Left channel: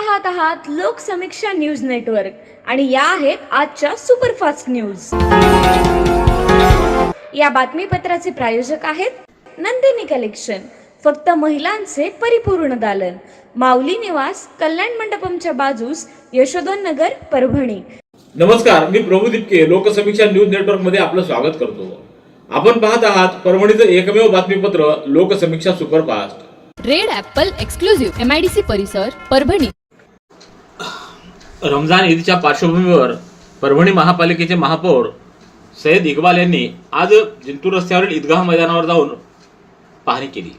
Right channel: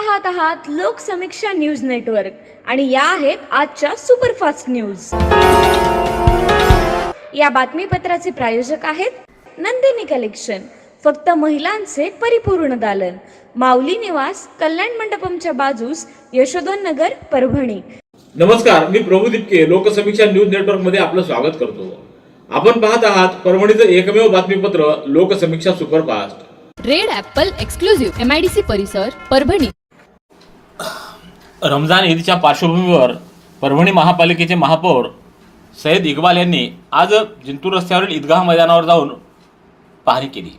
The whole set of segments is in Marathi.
पाहत आहात लोकसमीक्षा न्यूज नेटवर्क आणि या आहेत आजच्या सुपरफास्ट न्यूज। या बातमीपत्राचे प्रायोजक आहेत नंदिनी कलेक्शन, फक्त महिलांचे परिपूर्ण दालन, माऊली निवास, कल्याण मंडपमच्या बाजूस, यशोधन नगर, परभणी। नमस्कार, मी प्रभू दिपके लोकसमीक्षा न्यूज नेटवर्क मध्ये आपलं स्वागत करतो। आपण पाहत आहात परभणीचं एकमेव बातमीपत्र Loksamiksha superfast. Red Apple exclusive MIDC परिसर परभणी। रमजान ईदच्या पार्श्वभूमीवर परभणी महापालिकेचे महापौर सय्यद इक्बाल यांनी आज जिंतूर रस्त्यावरील ईदगाह मैदानावर जाऊन पाहणी केली।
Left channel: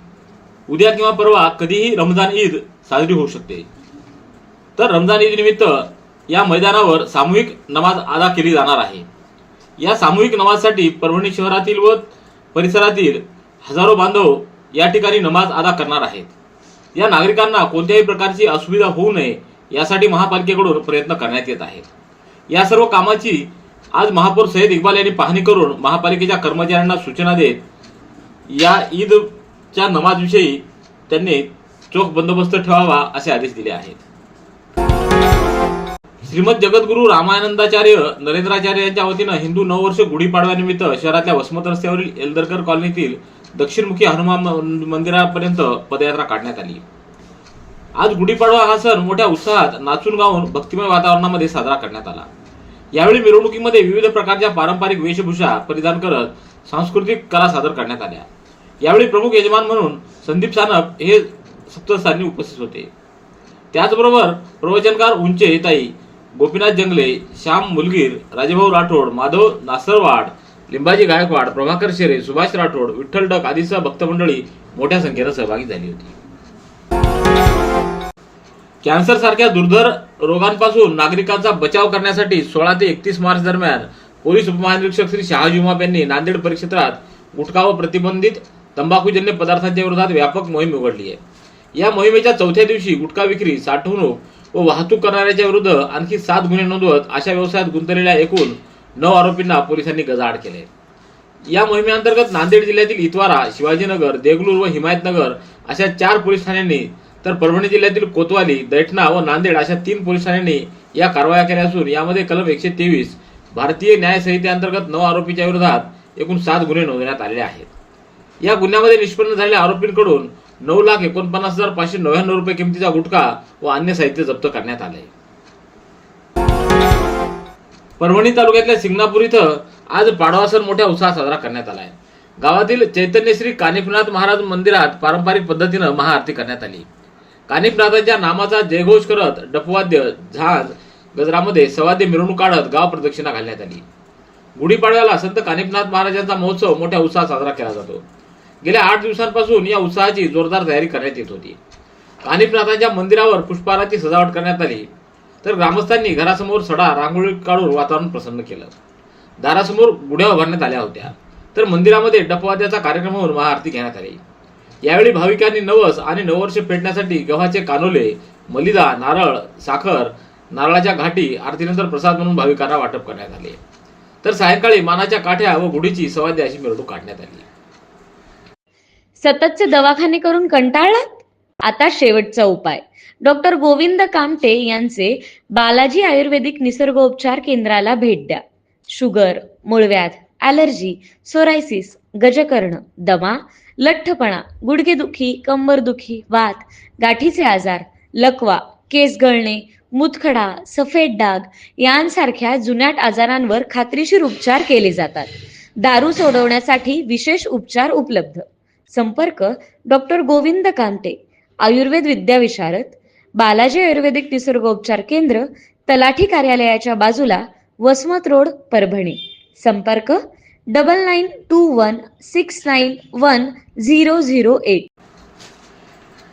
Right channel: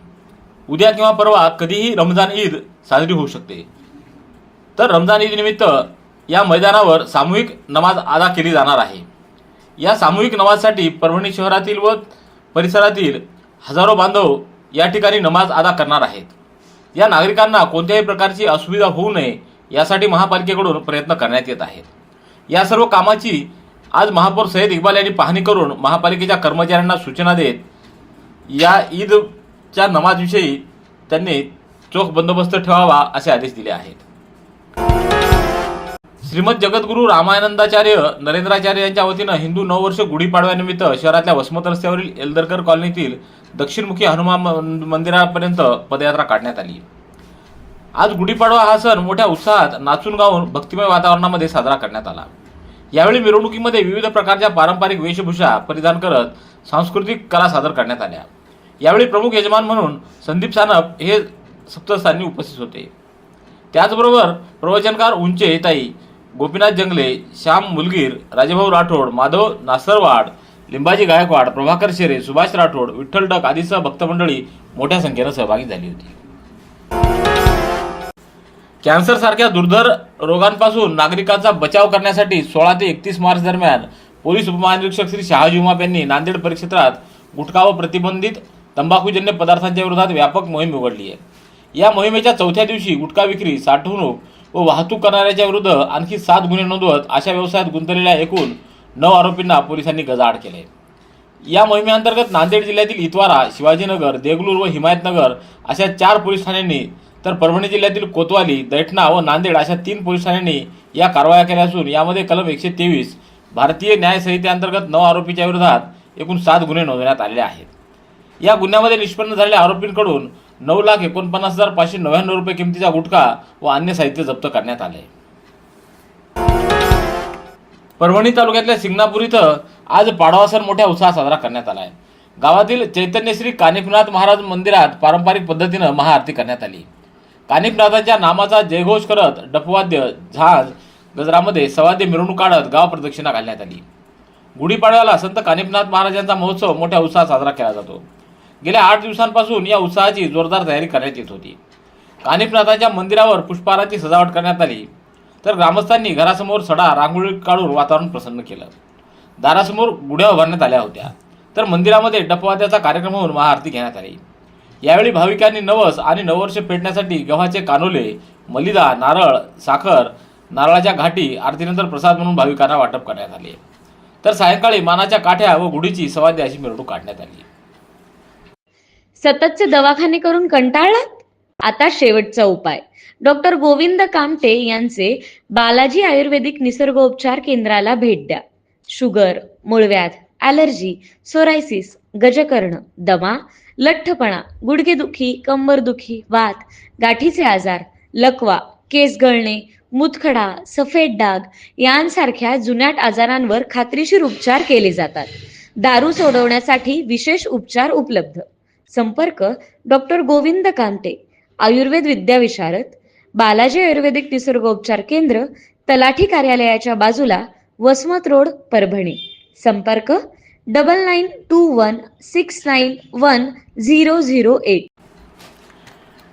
उद्या किंवा परवा कधीही रमजान ईद साजरी होऊ शकते, तर रमजान ईद निमित्त या मैदानावर सामूहिक नमाज अदा केली जाणार आहे। या सामूहिक नमाजसाठी परभणी शहरातील व परिसरातील हजारो बांधव या ठिकाणी नमाज अदा करणार आहेत। या नागरिकांना कोणत्याही प्रकारची असुविधा होऊ नये यासाठी महापालिकेकडून प्रयत्न करण्यात येत आहेत। या सर्व कामाची आज महापौर सय्यद इक्बाल यांनी पाहणी करून महापालिकेच्या कर्मचाऱ्यांना सूचना देत या ईदच्या नमाजविषयी त्यांनी चोख बंदोबस्त ठेवावा असे आदेश दिले आहेत। श्रीमद जगद्गुरू रामानंदाचार्य नरेंद्राचार्य यांच्या वतीनं हिंदू नववर्ष गुढीपाडव्यानिमित्त शहरातल्या वसमत रस्त्यावरील एल्दरकर कॉलनीतील दक्षिणमुखी हनुमान मंदिरापर्यंत पदयात्रा काढण्यात आली। आज गुढीपाडवा हा सण मोठ्या उत्साहात नाचून गाऊन भक्तिमय वातावरणामध्ये साजरा करण्यात आला। यावेळी मिरवणुकीमध्ये विविध प्रकारच्या पारंपरिक वेशभूषा परिधान करत सांस्कृतिक कला सादर करण्यात आल्या। यावेळी प्रमुख यजमान म्हणून संदीप सानप हे सप्तस्थानी उपस्थित होते। त्याचबरोबर प्रवचनकार उंचे येताई, गोपीनाथ जंगले, श्याम मुलगीर, राजेभाऊ राठोड, माधव नासरवाड, लिंबाजी गायकवाड, प्रभाकर शेरे, सुभाष राठोड, विठ्ठल डक आदीसह भक्तमंडळी मोठ्या संख्येने सहभागी झाली होती। कॅन्सर सारख्या दुर्धर रोगांपासून नागरिकांचा बचाव करण्यासाठी 16 ते 31 मार्च दरम्यान पोलीस उपमहानिरीक्षक श्री शहाजी उमाप यांनी नांदेड परिक्षेत्रात गुटखा व प्रतिबंधित तंबाखूजन्य पदार्थांच्या विरोधात व्यापक मोहीम उघडली आहे। या मोहिमेच्या चौथ्या दिवशी गुटखा विक्री, साठवणूक व वाहतूक करणाऱ्याच्या विरुद्ध आणखी 7 गुन्हे नोंदवत अशा व्यवसायात गुंतलेल्या एकूण 9 आरोपींना पोलिसांनी गजाआड केले। या मोहिमेअंतर्गत नांदेड जिल्ह्यातील इतवारा, शिवाजीनगर, देगलूर व हिमायतनगर अशा 4 पोलीस ठाण्यांनी, तर परभणी जिल्ह्यातील कोतवाली, दैठणा व नांदेड अशा 3 पोलीस ठाण्यांनी या कारवाया केल्या असून यामध्ये कलम 123 भारतीय न्याय संहितेअंतर्गत 9 आरोपींच्या विरोधात एकूण 7 गुन्हे नोंदवण्यात आलेले आहेत। या गुन्ह्यामध्ये निष्पन्न झालेल्या आरोपींकडून 9,49,599 रुपये किमतीचा गुटखा व अन्य साहित्य जप्त करण्यात आले। परभणी तालुक्यातल्या सिंगणापूर इथं आज पाडवा सण मोठ्या उत्साहात साजरा करण्यात आला आहे। गावातील चैतन्यश्री कानिफनाथ महाराज मंदिरात पारंपरिक पद्धतीनं महाआरती करण्यात आली। कानिफनाथांच्या नामाचा जयघोष करत डफवाद्य, झांज, गजरामध्ये सवाद्य मिरवणूक काढत गाव प्रदक्षिणा घालण्यात आली। गुढीपाडव्याला संत कानिफनाथ महाराजांचा महोत्सव मोठ्या उत्साहात साजरा केला जातो। गेल्या 8 दिवसांपासून या उत्सवाची जोरदार तयारी करण्यात येत होती। कानिफनाथांच्या मंदिरावर पुष्पहाराची सजावट करण्यात आली, तर ग्रामस्थांनी घरासमोर सडा रांगोळी काढून वातावरण प्रसन्न केलं। दारासमोर गुढ्या उभारण्यात आल्या होत्या, तर मंदिरामध्ये डफवाद्याचा कार्यक्रम होऊन महाआरती घेण्यात आली। यावेळी भाविकांनी नवस आणि नववर्ष पेटण्यासाठी गव्हाचे कानोले, मलिदा, नारळ, साखर, नारळाच्या घाटी आरतीनंतर प्रसाद म्हणून भाविकांना वाटप करण्यात आले। तर सायंकाळी मानाच्या काठ्या व गुढीची सवाद्य अशी मिरवणूक काढण्यात आली। सततचे दवाखाने करून कंटाळलात? आता शेवटचा उपाय। डॉक्टर गोविंद कामटे यांचे बालाजी आयुर्वेदिक निसर्गोपचार केंद्राला भेट द्या। शुगर, मूळव्याध, ॲलर्जी, सोरायसिस, गजकर्ण, दमा, लठ्ठपणा, गुडघेदुखी, कंबरदुखी, वात, गाठीचे आजार, लकवा, केस गळणे, मूतखडा, सफेद डाग यांसारख्या जुनाट आजारांवर खात्रीशीर उपचार केले जातात। दारू सोडवण्यासाठी विशेष उपचार उपलब्ध। संपर्क डॉक्टर गोविंद कामटे, आयुर्वेद विद्याविशारद, बालाजी आयुर्वेदिक निसर्गोपचार केंद्र, तलाठी कार्यालयाच्या बाजूला, वसमत रोड, परभणी। संपर्क 9921691008।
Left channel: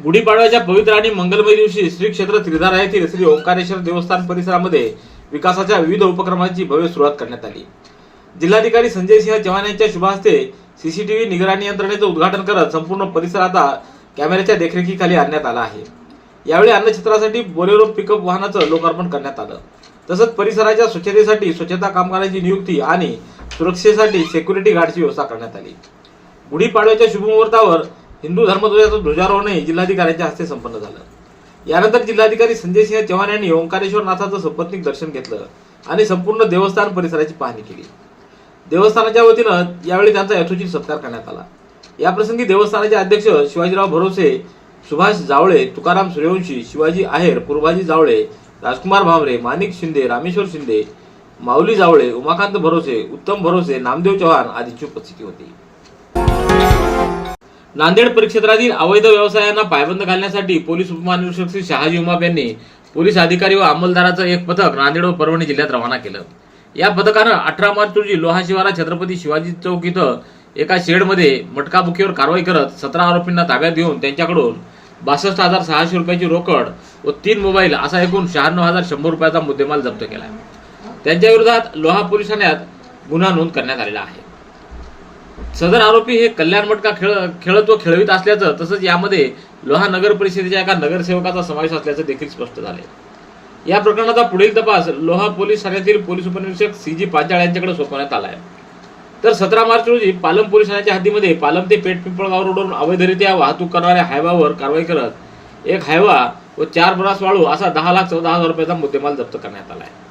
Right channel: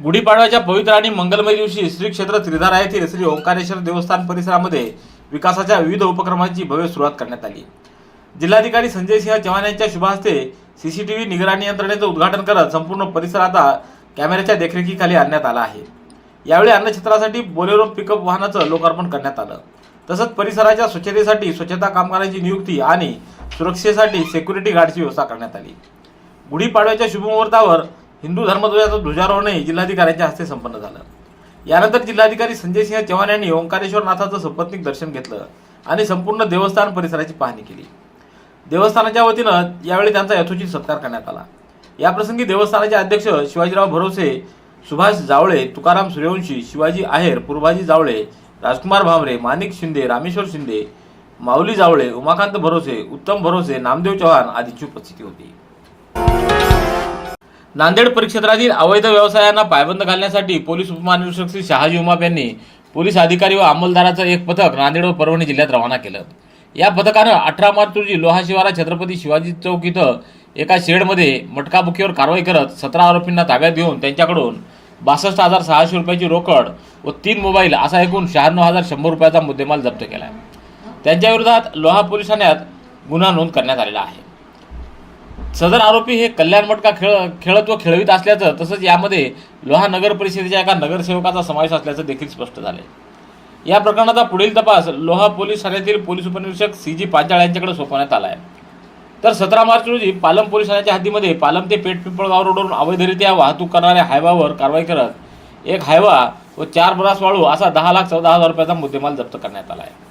गुढीपाडव्याच्या पवित्र आणि मंगलमय दिवशी श्री क्षेत्र त्रिधारा येथील श्री ओंकारेश्वर देवस्थान परिसरामध्ये विकासाच्या विविध उपक्रमांची भव्य सुरुवात करण्यात आली। जिल्हाधिकारी संजय सिंह चव्हाण यांच्या शुभ हस्ते CCTV निगराणी यंत्रणेचं उद्घाटन करत संपूर्ण परिसर आता कॅमेऱ्याच्या देखरेखीखाली आणण्यात आला आहे। यावेळी अन्नछत्रासाठी बोलेरो पिकअप वाहनाचं लोकार्पण करण्यात आलं। तसंच परिसराच्या स्वच्छतेसाठी स्वच्छता कामगारांची नियुक्ती आणि सुरक्षेसाठी सिक्युरिटी गार्डची व्यवस्था करण्यात आली। गुढीपाडव्याच्या शुभमुहूर्तावर हिंदू धर्मध्वजाचं ध्वजारोहणही जिल्हाधिकाऱ्यांच्या हस्ते संपन्न झालं। यानंतर जिल्हाधिकारी संजय सिंह चव्हाण यांनी ओंकारेश्वर नाथाचं सपत्नीक दर्शन घेतलं आणि संपूर्ण देवस्थान परिसराची पाहणी केली. देवस्थानाच्या वतीनं यावेळी त्यांचा यथोचित सत्कार करण्यात आला. याप्रसंगी देवस्थानाचे अध्यक्ष शिवाजीराव भरोसे, सुभाष जावळे, तुकाराम सूर्यवंशी, शिवाजी आहेर, पूर्वाजी जावळे, राजकुमार भामरे, माणिक शिंदे, रामेश्वर शिंदे, माऊली जावळे, उमाकांत भरोसे, उत्तम भरोसे, नामदेव चव्हाण आदींची उपस्थिती होती. नांदेड परिक्षेत्रातील अवैध व्यवसायांना पायबंद घालण्यासाठी पोलीस उपमहानिरीक्षक श्री शहाजी उमाप यांनी पोलीस अधिकारी व अंमलदाराचं एक पथक नांदेड व परभणी जिल्ह्यात रवाना केलं. या पथकानं 18 मार्च रोजी लोहा शिवारा छत्रपती शिवाजी चौक इथं एका शेडमध्ये मटकाबुकीवर कारवाई करत 17 आरोपींना ताब्यात घेऊन त्यांच्याकडून 62,600 रुपयाची रोकड व 3 मोबाईल असा एकूण 96,100 रुपयाचा मुद्देमाल जप्त केला. त्यांच्या विरोधात लोहा पोलीस ठाण्यात गुन्हा नोंद करण्यात आलेला आहे. सदर आरोपी हे कल्याण मटका खेळत व खेळवीत असल्याचं तसंच यामध्ये लोहा नगर परिषदेच्या एका नगरसेवकाचा समावेश असल्याचं देखील स्पष्ट झाले. या प्रकरणाचा पुढील तपास लोहा पोलीस ठाण्यातील पोलीस उपनिरीक्षक CG पांचाळ यांच्याकडे सोपवण्यात आला आहे. तर 17 मार्च रोजी पालम पोलीस ठाण्याच्या हद्दीमध्ये पालम ते पेठ पिंपळगाव रोडवरून अवैधरित्या वाहतूक करणाऱ्या हायवावर कारवाई करत एक हायवा व 4 ब्रास वाळू असा 10,14,000 रुपयाचा मुद्देमाल जप्त करण्यात आला आहे.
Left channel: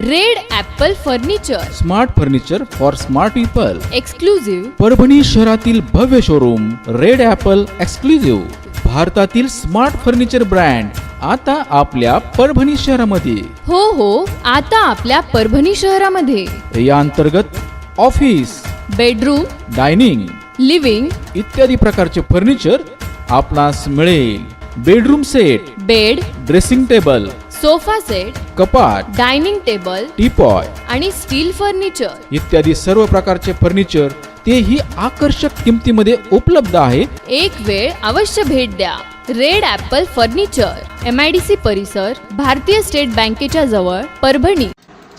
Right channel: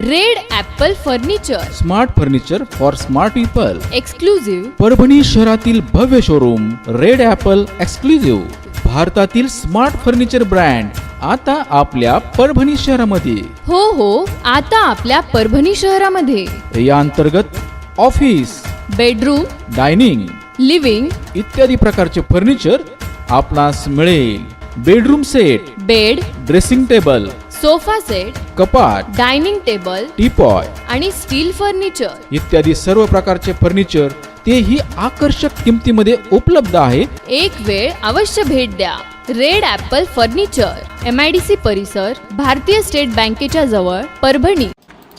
Red Apple furniture, smart furniture for smart people. Exclusive Parbhani शहरातील भव्य शोरूम रेड ॲपल एक्सक्लुझिव्ह, भारतातील स्मार्ट फर्निचर ब्रँड आता आपल्या परभणी शहरामध्ये. हो, आता आपल्या परभणी शहरामध्ये. या अंतर्गत ऑफिस, बेडरूम, डायनिंग, लिव्हिंग इत्यादी प्रकारचे फर्निचर आपणास मिळेल. Bedroom set, bed, dressing table, sofa set, कपाट, डायनिंग टेबल टीपॉय आणि स्टील फर्निचर इत्यादी सर्व प्रकारचे फर्निचर तेही आकर्षक किमतीमध्ये उपलब्ध आहे. एक वेळ अवश्य भेट द्या. रेड ॲपल फर्निचर, MIDC परिसर, भारतीय स्टेट बँकेच्या जवळ, परभणी.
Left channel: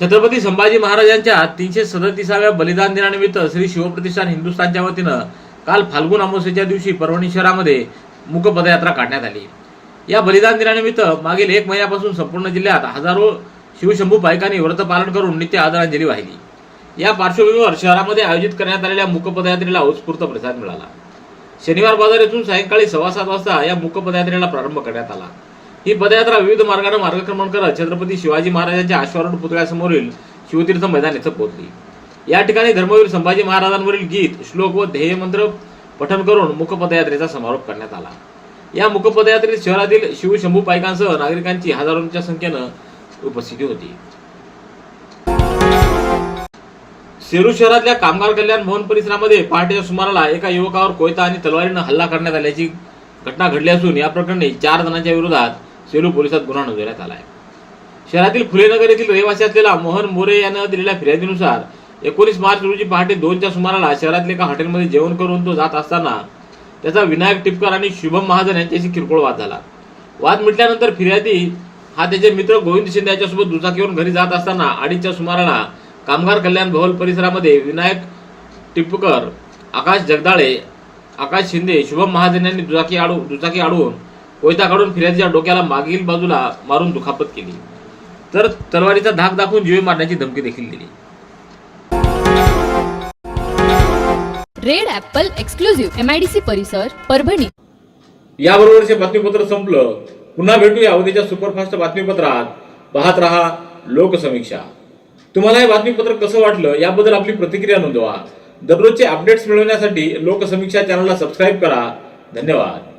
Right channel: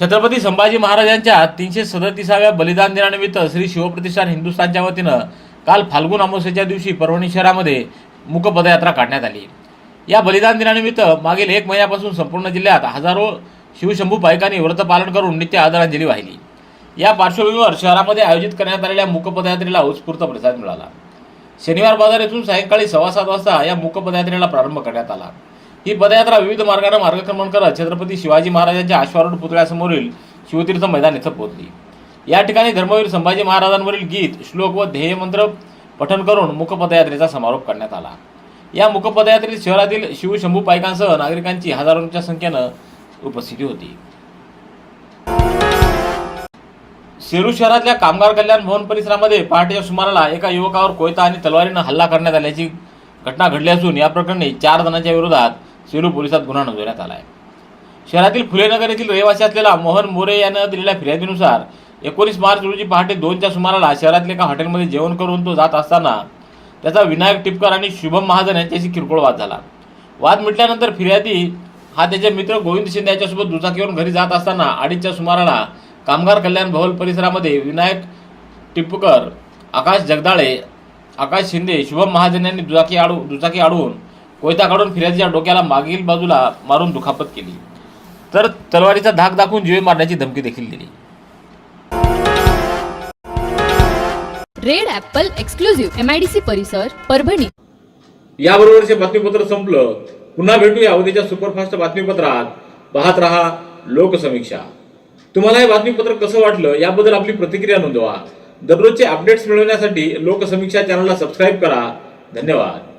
छत्रपती संभाजी महाराजांच्या 337व्या बलिदान दिनानिमित्त श्री शिवप्रतिष्ठान हिंदुस्थानच्या वतीनं काल फाल्गुन अमावस्येच्या दिवशी परभणी शहरामध्ये मूक पदयात्रा काढण्यात आली. या बलिदान दिनानिमित्त मागील 1 महिन्यापासून संपूर्ण जिल्ह्यात हजारो शिवशंभू पायकांनी व्रत पालन करून नित्य आदरांजली वाहिली. या पार्श्वभूमीवर शहरामध्ये आयोजित करण्यात आलेल्या मूक पदयात्रेला उत्स्फूर्त प्रतिसाद मिळाला. शनिवार बाजार येथून सायंकाळी 7:15 वाजता या मूक पदयात्रेला प्रारंभ करण्यात आला. ही पदयात्रा विविध मार्गाने मार्गक्रमण करत छत्रपती शिवाजी महाराजांच्या अश्वारूढ पुतळ्यासमोरील शिवतीर्थ मैदान येथे पोहोचली. या ठिकाणी धर्मवीर संभाजी महाराजांवरील गीत, श्लोक व ध्येयमंत्र पठण करून मूक पदयात्रेचा समारोप करण्यात आला. या मूक पदयात्रेत शहरातील शिवशंभू पायकांसह नागरिकांची हजारोंच्या संख्येनं उपस्थिती होती. सेलू शहरातल्या कामगार कल्याण भवन परिसरामध्ये पहाटेच्या सुमाराला एका युवकावर कोयता आणि तलवारीनं हल्ला करण्यात आल्याची घटना घडली असून या प्रकरणी 4 जणांच्या विरोधात सेलू पोलिसात गुन्हा नोंदवण्यात आला आहे. शहरातील फुलेनगर येथील रहिवासी असलेला मोहन मोरे यानं दिलेल्या फिर्यादीनुसार 19 मार्च रोजी पहाटे 2च्या सुमाराला शहरातल्या एका हॉटेलमध्ये जेवण करून तो जात असताना त्याचा विनायक टिपकर आणि शुभम महाजन यांच्याशी किरकोळ वाद झाला. वाद मिटल्यानंतर फिर्यादी हा त्याचे मित्र गोविंद शिंदे याच्यासोबत दुचाकीवरून घरी जात असताना 2:30च्या सुमाराला कामगार कल्याण भवन परिसरामध्ये विनायक टिपकर, आकाश जगदाळे, आकाश शिंदे, शुभम महाजन यांनी दुचाकी अडवून कोयता काढून फिर्यादीच्या डोक्याला मागील बाजूला मारून दुखापत केली, तर तलवारीचा धाक दाखवून जीवे मारण्याची धमकी देखील दिली. रेड ॲपल एक्सक्लुझिव्ह, MIDC परिसर, परभणी. याबरोबरचे बातमीपत्र संपलं. पुन्हा भेटूया उद्याच्या सुपरफास्ट बातमीपत्रात. पाहत रहा लोकसमीक्षा. तुम्हाला हे बातमीपत्र कसं वाटलं याबद्दल आपली प्रतिक्रिया नोंदवा. दररोजचे अपडेट्स मिळवण्यासाठी लोकसमीक्षा चॅनलला सबस्क्राईब करा. धन्यवाद.